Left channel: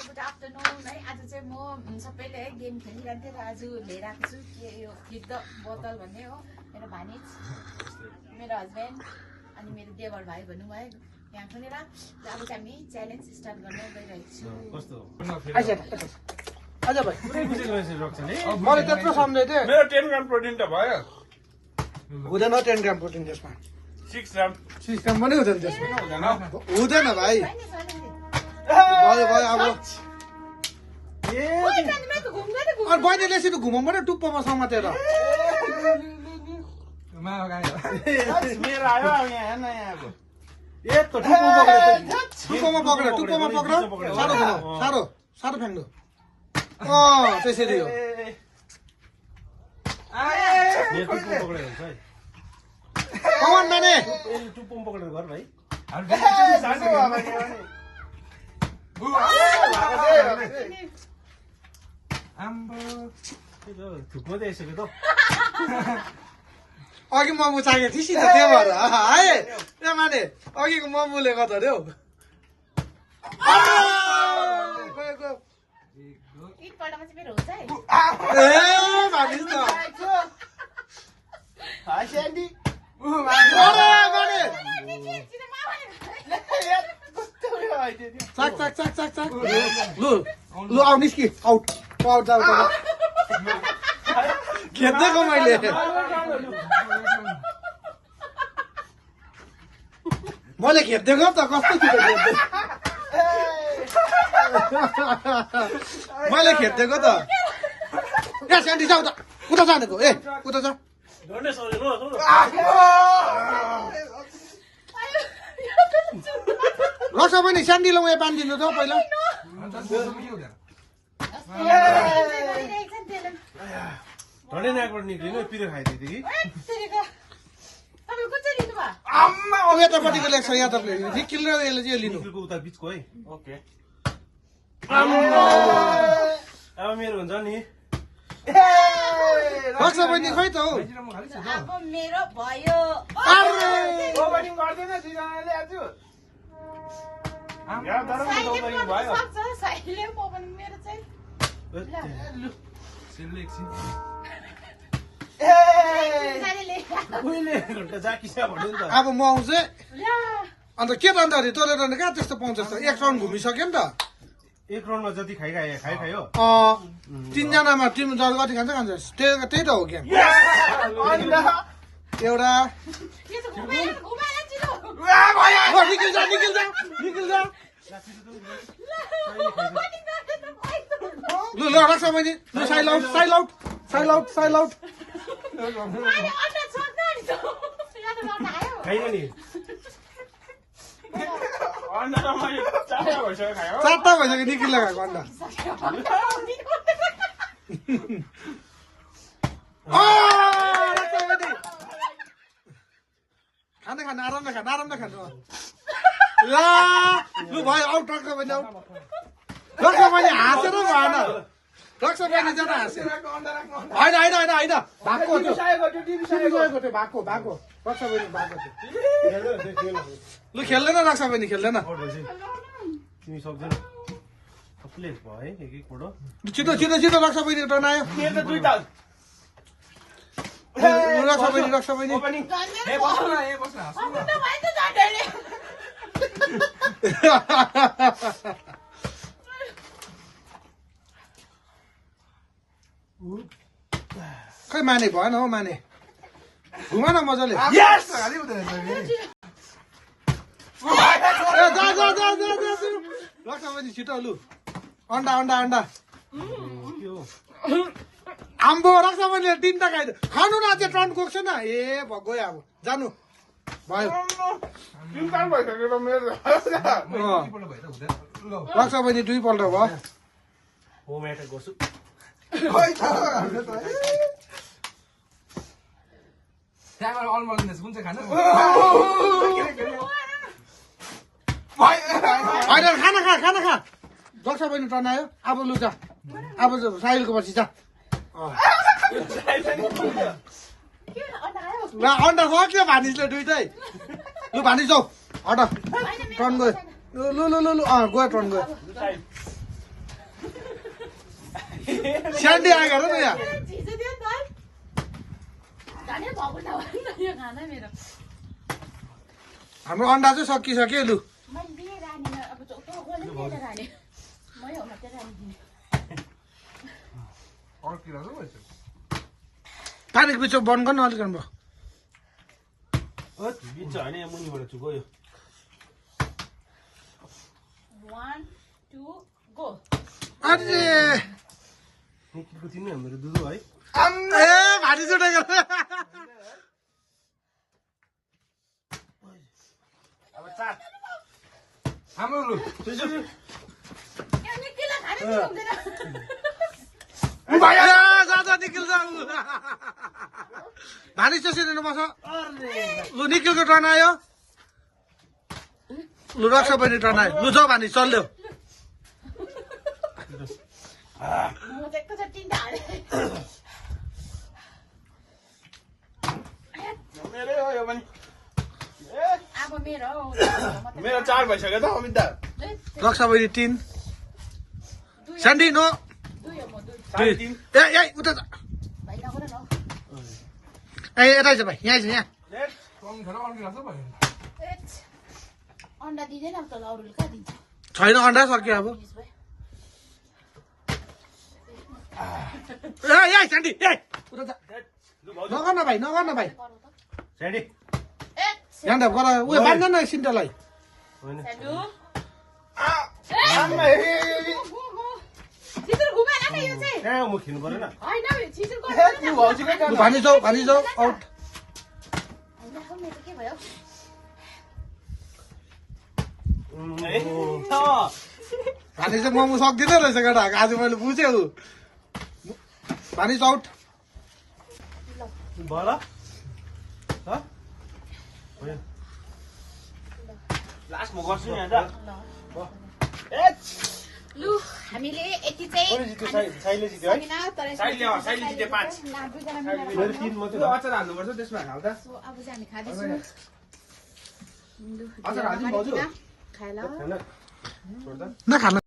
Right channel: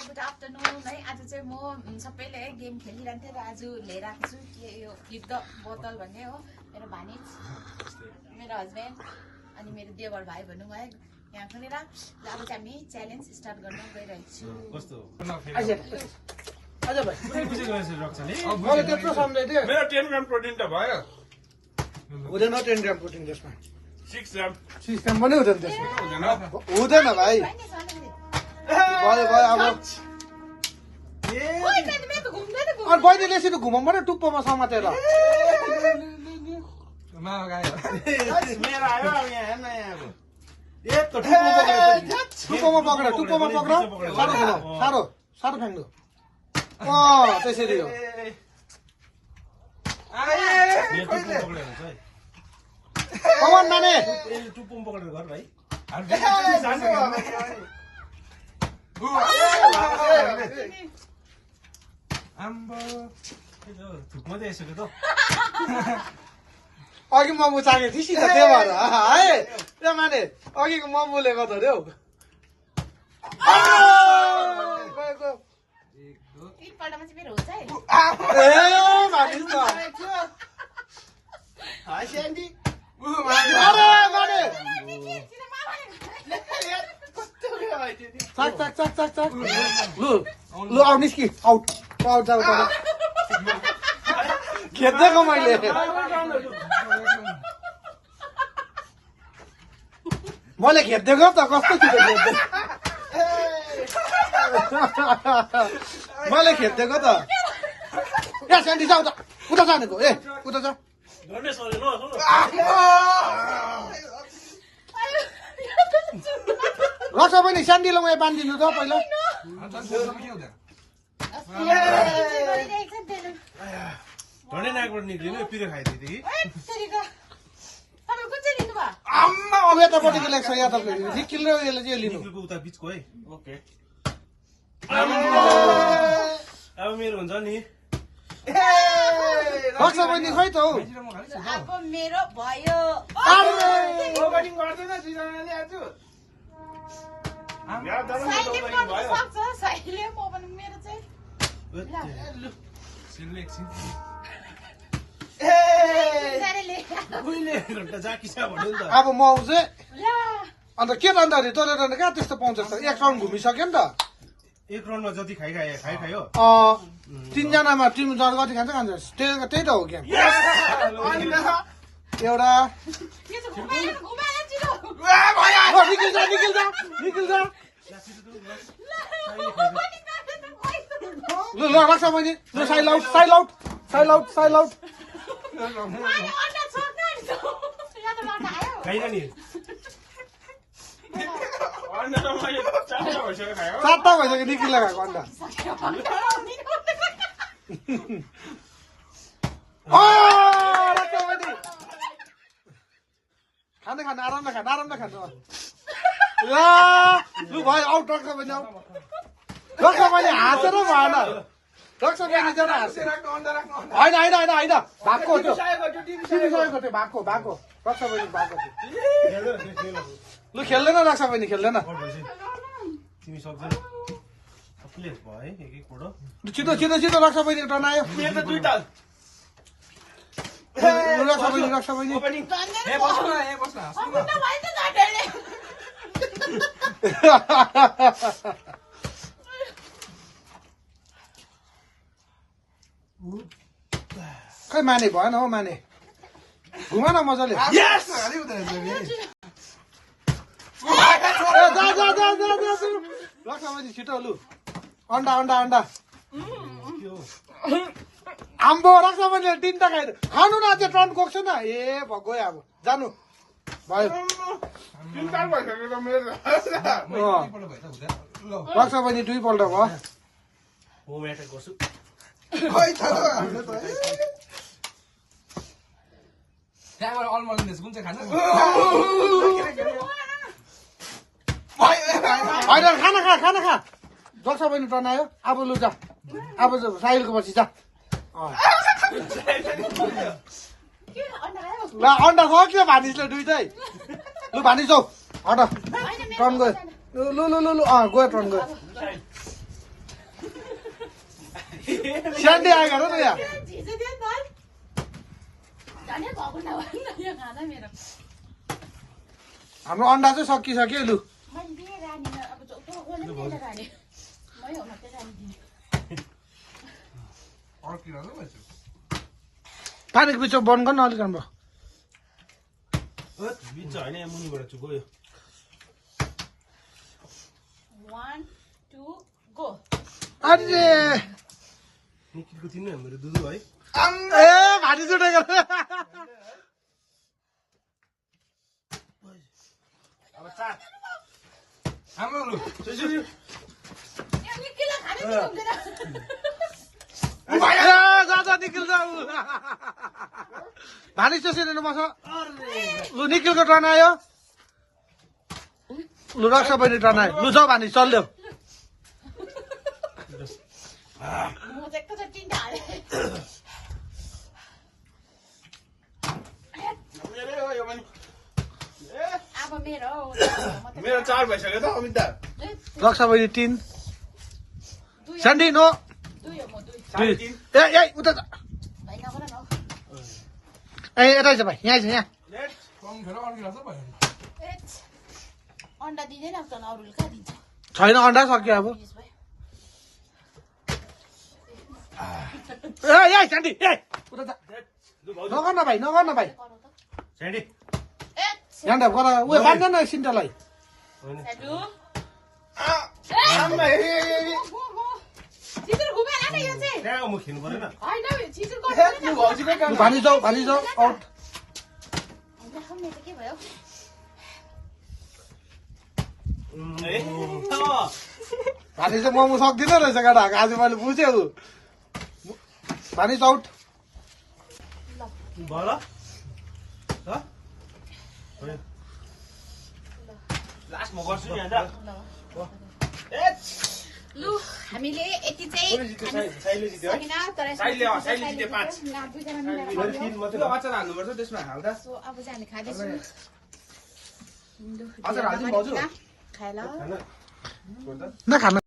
Good afternoon है। आज चाहिँ म सबैले है गेम खेलिरहन्थेँ र आज लिएर आएको छु के यो हिट द बोतल भन्ने हो। मेरो भानिज, मेरो हस्बेन्ड अनि मेरो देवर भाइ भनौँ है यहाँ खुलेर अब चाहिँ हामी च्यालेन्ज स्टार्ट गर्न गइरहेको छु। मैले त्यत्रो सम्झेँ थिएँ। मेरो 10 ग्राम प्रोटिन त भयो। हुँदैन 10 ग्राम प्रोटिन त्यसमा। 6 ग्राम। 6 ग्राम पनि हुँदैन त्यसमा। हुँदैन भाइ। भयो भयो अब। अनि बहिनी बेसी त घुमाउँ पनि टुप्पोमा समातेर। मेरो आयो अनि हेर्न यहाँ अब। यस्तो टुप्पोमा पक्रेर टुप्पोमा पक्र साह्रो घुमाऊ साह्रो साह्रो फ्याँक्नु त्यसरी हो। कमान माने टुप्पोमा पक्रेर घर भाइ। थुक्नु चाहिँ यसो त अघि मोमो चागेको थिएँ सिधा त्यो भएर है त्यहाँ माने अघिको मोमोले गर्दा अरे हौ। एकपल्टमा चाहिँ मेरो हुन्छ है। ए भानिस् त अरे माने चाक चाक चाक चाक चाक लु लु आउ निस्कि आउट आउट जाऊ खेद्दैको मैले मैले खेद्दैको त कस्तो छिटो खेद्दै मैले खेद्दैको त ए स्यान्डी जाऊ त उता जानेको ए उता जा रक्सा पनि स्यान्डीलाई उयो बाँधिदिनु त पहिला। धडे नाकबाट निक्लिनु पिरो खाइदियो कि आम्मा अब यतापट्टिको लेख्छ यादवले निखिल र यसले चाहिँ लिनु उता बिचको है। ओके अब मेरो हुन्छ नि। रक्सा बहिनी खै त हौ। अब मेरो भयो। साइले म पनि मेरो चाहिँ अब म आउँछु अन्त के त अन्त तँले त कहाँ त्यस्तो पाउँछ त। एक राउन्ड घुमिसक्यो नि त। एक राउन्डमा जति खायो 3जनामा टिम जल कति खान्छ खान्छ त्यही त हो गेम। एउटा निखिल जा निखिल जा निखिल जा लु ल रक्सा बहिनी लु साइल आउट साइल आउट साइल आउट साइल आउट खाइन नि। चारवटा भइसक्यो निखिल लगाएको अन्त। रक्सा बहिनी खानु खानु आरामले खानु आरामले खानु। लु भयो आउट रक्सा बहिनी आउट। रक्सा बहिनी हाँसेर भएन रक्सा बहिनी जरा हाँस्यो होइन होइन होइन होइन भएको त्यो भएको भएको रक्सा बहिनी भएको थियो। लु खेल्दैन रक्सा बहिनी खेल्दैन। तिमी सक्दैन सबले भयो है एक एकपल्ट छिटो छिटो छिटो रक्सा बहिनी टर्न आयो। रक्सा बहिनी रक्सा बहिनी खै माने भएन हौ माने घुमा न मजाले। रक्सा बहिनी छिटो लु अन्डा अन्डा अन्डा आम्बो रक्सा बहिनीले 3टा खाइदियो खानु न अझै टर्न गएको छैन। ए गयो अब जानु भयो रक्सा बहिनी 2 पल्ट भयो। होम एट्याक गर्छु। होइन खाना खा खाना खा रक्सा बहिनी टर्न आयो। अब लु जा अब साहिलको पछि जा ल अन्डा सक्यो भानिसले 2टै। लु भानिस जाऊ हट टर्न गयो लु लु लु लु गयो टर्न गयो। स्यान्डी आएको हेर न यहाँ झिजो थियो नि त झनै भएको नभए न यो खाना मेरो हाम्रो अन्डा चाहिँ सकिसक्यो लु मैले दिएँ रानीमा अब कसले पनि दिएर रानी मै हो मात्रै रानी दिने पानीको बिचमा बन्द गर्नु अलिक राम्रो बिच होइन यहाँ मुनिबाट चुको यो 1 2 गो अरे निकिलको तिमी हाम्रो दुधु है ए भाटी छुटेको अब चाट हाम्रो लु यो निकिला खानै सक्दैन जा निखिल जा भानिस त्यसरी बस लु निखिलको टर्न आयो लु रक्षा बहिनी टर्न आयो लु जाऊ भानिस चल्देऊ म चाहिँ एकैचोटि तिनवटा हालेँ अब मेरो हो मेरो 4 भइसक्यो त अमित दा रक्षा बहिनी 3 स्यान्डी नो 2 हो म 2 ए ए उता भाइ नगर न ए यता छ भाइ यहाँ छ यहाँ अन्डा दिँदैन अब तल अरूले कहाँ दिन्छ छैन अन्डा सक्यो अब फिनिस भयो ए ए स्यान्डी ए उता जा नगर न भाइ गरौ त स्यान्डी यहाँ त गर उयो बाँध्दैन न सिन्टलाई हेलो आमा छिटो घुमाएन न यो चाहिँ त्यहाँ म खेल्नु पर्दैन हैन छिटो गर्नु लु भानिस जाऊ आउट हैन मेरो त के भयो भानिस चाहिँ मोमो सक्दिनँ रहेछ केटा आज मैले बुझेँ भानिस आउट भयो लास्ट म गर्छु नि हैन लु हामीले यति चाहिँ साइले जित्यो है सकिन तर साइले जित्यो 5 ना दुईजना मिलेर मैले खायौँ। 3 मात्रै अचार हाल्नुपर्छ त्यसमा हाल्दा सो अब चाहिँ हामी खाँदैछौँ लु, अचार हाल्दिउँ दुईजना भाउजू? पनि खाए ल हैन छोड्दा नखानु